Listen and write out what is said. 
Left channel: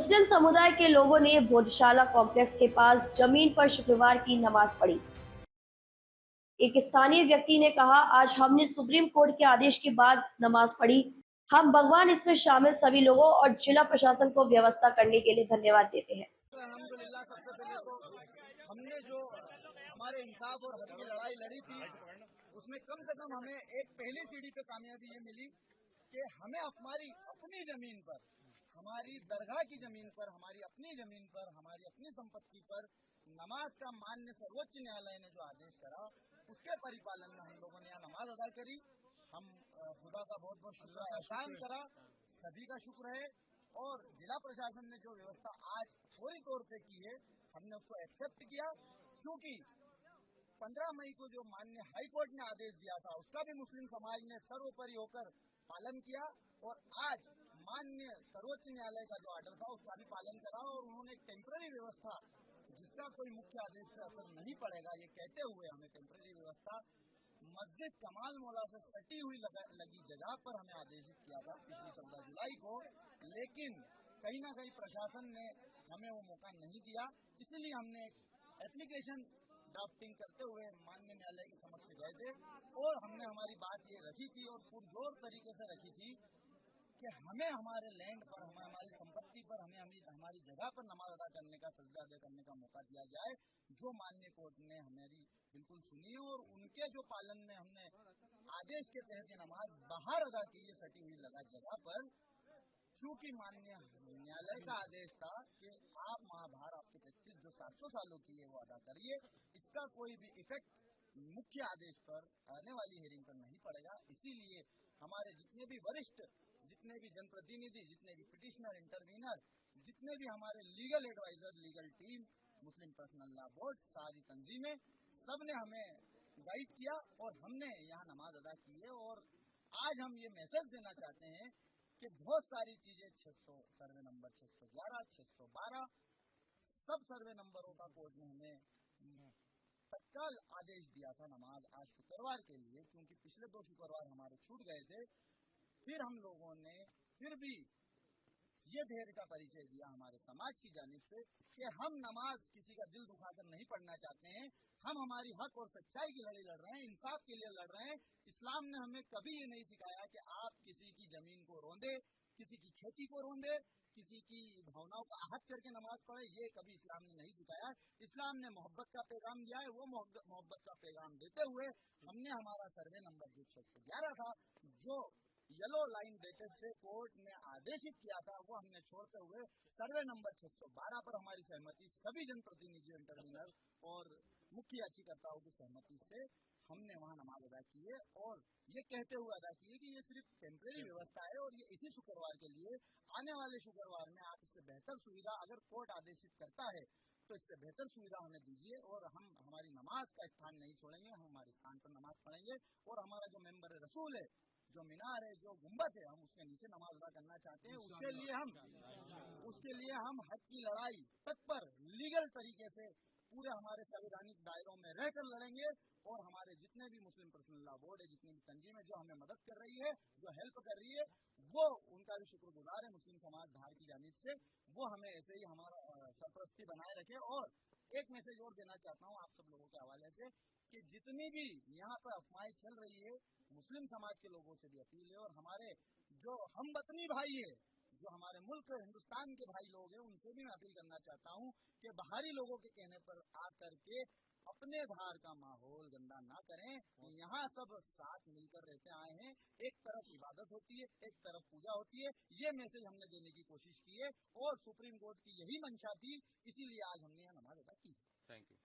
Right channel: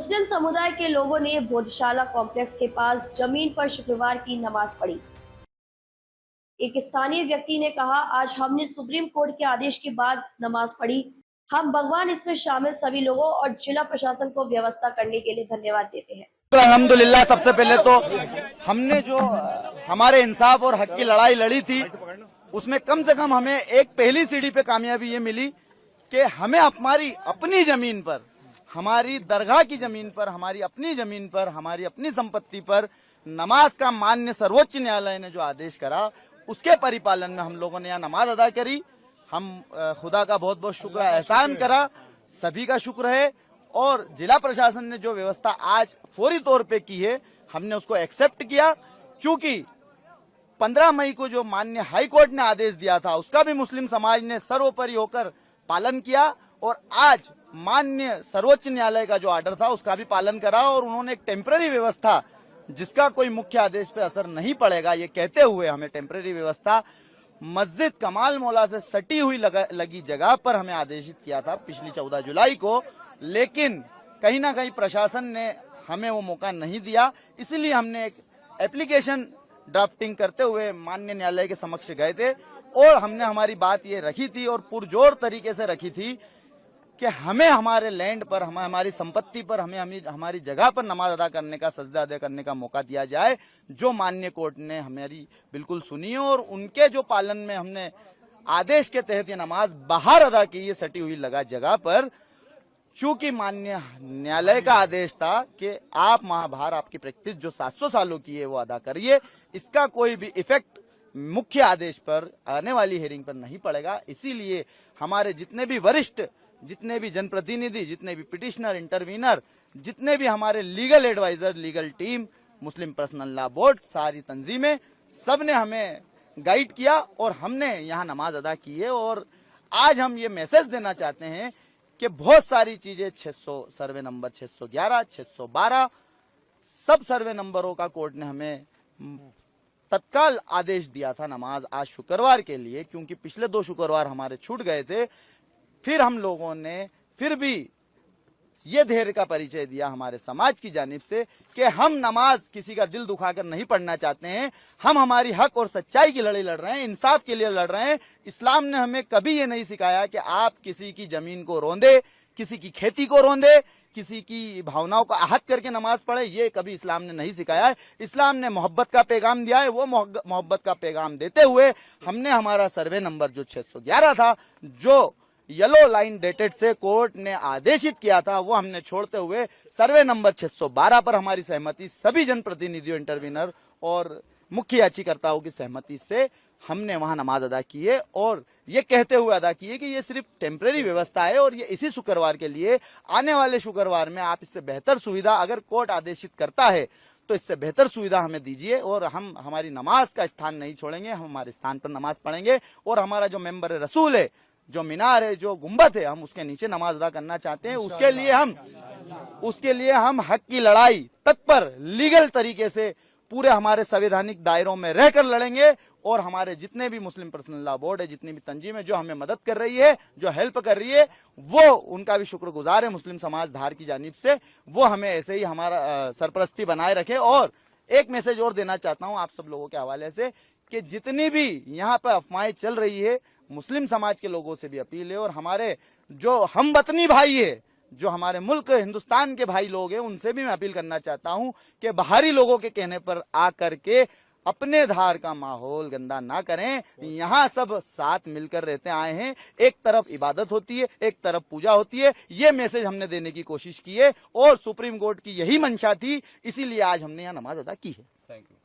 मुस्लिम समुदाय के लोगों ने भोजशाला कॉम्प्लेक्स के पास जमीन पर शुक्रवार की नमाज पढ़ी। एक स्थानीय व्यक्ति ने कहा, आज हमने सुप्रीम कोर्ट के आदेश के बाद नमाज पढ़ी। हम भगवान इसमें शामिल सभी लोगों और जिला प्रशासन को व्यवस्था करने के लिए धन्यवाद देते हैं। अल्हम्दुलिल्लाह, सबसे पहले तो हमने जो हमारे इंसाफ और हक की लड़ाई लड़ी थी, उसमें कम से कम हमें एक पहली सीढ़ी पे कामयाबी ये मिली कि हमें हमारी अपनी जमीन पर, हमारी दरगाह की जमीन पर, हमारी अपनी जमीन पर, हमारी अपनी संपत्ति पर नमाज का मान्य सर्वोच्च न्यायालय ने जो आदेश करा, उसके परिपालन में हम लोगों ने यहाँ नमाज अदा करी। हम खुदा का बहुत बहुत शुक्र एहसान करा, सभी का शुक्र है। और जिला प्रशासन ने जो व्यवस्था आज फौरी तौर पे की है, हमने उसको एक्सेप्ट किया, क्योंकि 15 मई को जो माननीय हाई कोर्ट ने आदेश दिया था, उसका भी मुस्लिम समाज ने सर्वोपरि होकर पालन किया और आज माननीय सर्वोच्च न्यायालय का जो ऑर्डर था उसका भी पालन करा। और उन्होंने एक टेम्पररी व्यवस्था, जिसका कोई मुख्य आदेश पे असर नहीं पड़ेगा, ये कहते हुए हमें टेम्पररी व्यवस्था मस्जिद कमाल मौला से सटी हुई लगी जगह पर हमें आदेशित किया था पिछली 14 जुलाई को। लेकिन कहीं ना कहीं प्रशासन ने हमें वो मौका नहीं दिया, इसलिए हमने एक एप्लीकेशन ड्राफ्टिंग करते हुए माननीय न्यायालय के समक्ष गए थे और हमने हमारी बात ये रखी थी और पुरजोर तरीके से रखी थी कि हमें हमारे लैंड पर, हमारी संपत्ति पर, हमें हमारी जगह पर नमाज अदा करने का, सजदा अदा करने का मौका दिया जाए, जो माननीय कोर्ट ने हमारी बिल्कुल सुनी और उनके जो पालन में हमने आदेश के तहत ये नमाज बाहर अदा की है, सटी हुई लगा जगह पर। चूंकि माननीय न्यायालय का आदेश था कि आप बाहर आपकी प्रैक्टिस जो 700 सालों की है वो अदा करिए, इसका कोई भी इफेक्ट मुख्य आदेश पर आने वाली हियरिंग पर नहीं पड़ेगा। इसीलिए हमारे जितने भी वरिष्ठ, जितने भी जनप्रतिनिधि, जितने भी पिटिशनर, इंटरवीनर, जितने भी हमारे लीगल एडवाइजर, लीगल टीम, मुस्लिम पर्सनल लॉ बोर्ड, सारी तंजीमें, सब ने हमें गाइड किया और हमने यहाँ नमाज अदा की है। और आज हम ये मैसेज देना चाहते हैं कि बहुत सारी चीजें 600 सर्वे नंबर 611, 612 सब सर्वे नंबरों का कोर्ट ने हमें तत्काल आदेश दिया था नमाज आज शुक्रवार के लिए, क्योंकि पिछले 2 शुक्रवार हमारे छूट गए थे। फिर हम लोगों ने फिर भी ये धैर्य का परिचय दिया हमारे समाज की जानिब से कि हम नमाज किसी का दिल दुखाकर नहीं पढ़ना चाहते हैं, हम हमारी हक और सच्चाई की लड़ाई लड़ रहे हैं, इंसाफ के लिए लड़ रहे हैं। इस्लाम ने हमें कभी ये नहीं सिखाया कि आप किसी की जमीन को रोंदे, किसी की खेती को रोंदे, किसी की भावनाओं को आहत करके नमाज पढ़े, ये कभी इस्लाम ने नहीं सिखाया है। इस्लाम ने मोहब्बत का पैगाम दिया है, वो मोहब्बत का पैगाम देते हुए हमने हमारा सर्वे नंबर जो 611 था, जो येलो लाइन डेटेड से कोर्ट ने आदेशित किया था, वो हमने छोड़ते हुए सर्वे नंबर 612 पर हमारी सहमति, सभी जनप्रतिनिधियों, इंटरवीनर और मुख्य याचिकाकर्ताओं की सहमति से हमने वहां नमाज अदा की है। और ये कहते हुए अदा की है कि ये सिर्फ टेम्परेरी व्यवस्था है और ये इसी शुक्रवार के लिए, आने वाले शुक्रवार में आप इससे बेहतर सुविधा अगर कोर्ट आदेशित करता है तो इससे बेहतर सुविधा हमें दीजिए और हम हमारी नमाज का स्थान नहीं छोड़ेंगे, हम हमारे स्थान पर नमाज पढ़ेंगे और हमारा जो मेंबर रसूल है, जो मीनार है, जो गुंबद है, हम उसके नीचे नमाज अदा करना चाहते हैं। उसके लिए हम हक की लड़ाई तत्पर लीगल तरीके से पूरे हमारे संवैधानिक दायरों में रहकर लड़ेंगे। और हमारे जितने भी मुस्लिम पर्सनल लॉ बोर्ड है, जितनी भी तंजीम है जो हमें मदद कर रही है, जो हेल्प कर रही है, वो उनका भी शुक्रगुजार है मुस्लिम समाज धार की जानिब से। वो हमें ऐसे ही हमारा सरपरस्ती बनाए रखे। और एक मैसेज और देना चाहता हूँ आप सब लोगों के हवाले से कि जितनी भी यहाँ पर अफवाहें चल रही है, मुस्लिम समाज के लोगों से भी अपील है और हमारे जो हमवतनी भाई है, जो हमारे मुल्क हिंदुस्तान के भाई लोग हैं, उनसे भी मैं अपील करना चाहता हूं कि बाहरी लोगों के कहने पर आकर के अपने धार का माहौल गंदा ना करें। यहाँ सब साथ मिलकर रहते आए हैं, एक तरफ इबादत होती है, एक तरफ पूजा होती है। ये मैसेज हमने देने की कोशिश की है और सुप्रीम कोर्ट की यही मंशा थी, इसीलिए आज हमने यहाँ नमाज अदा की है। Thank you.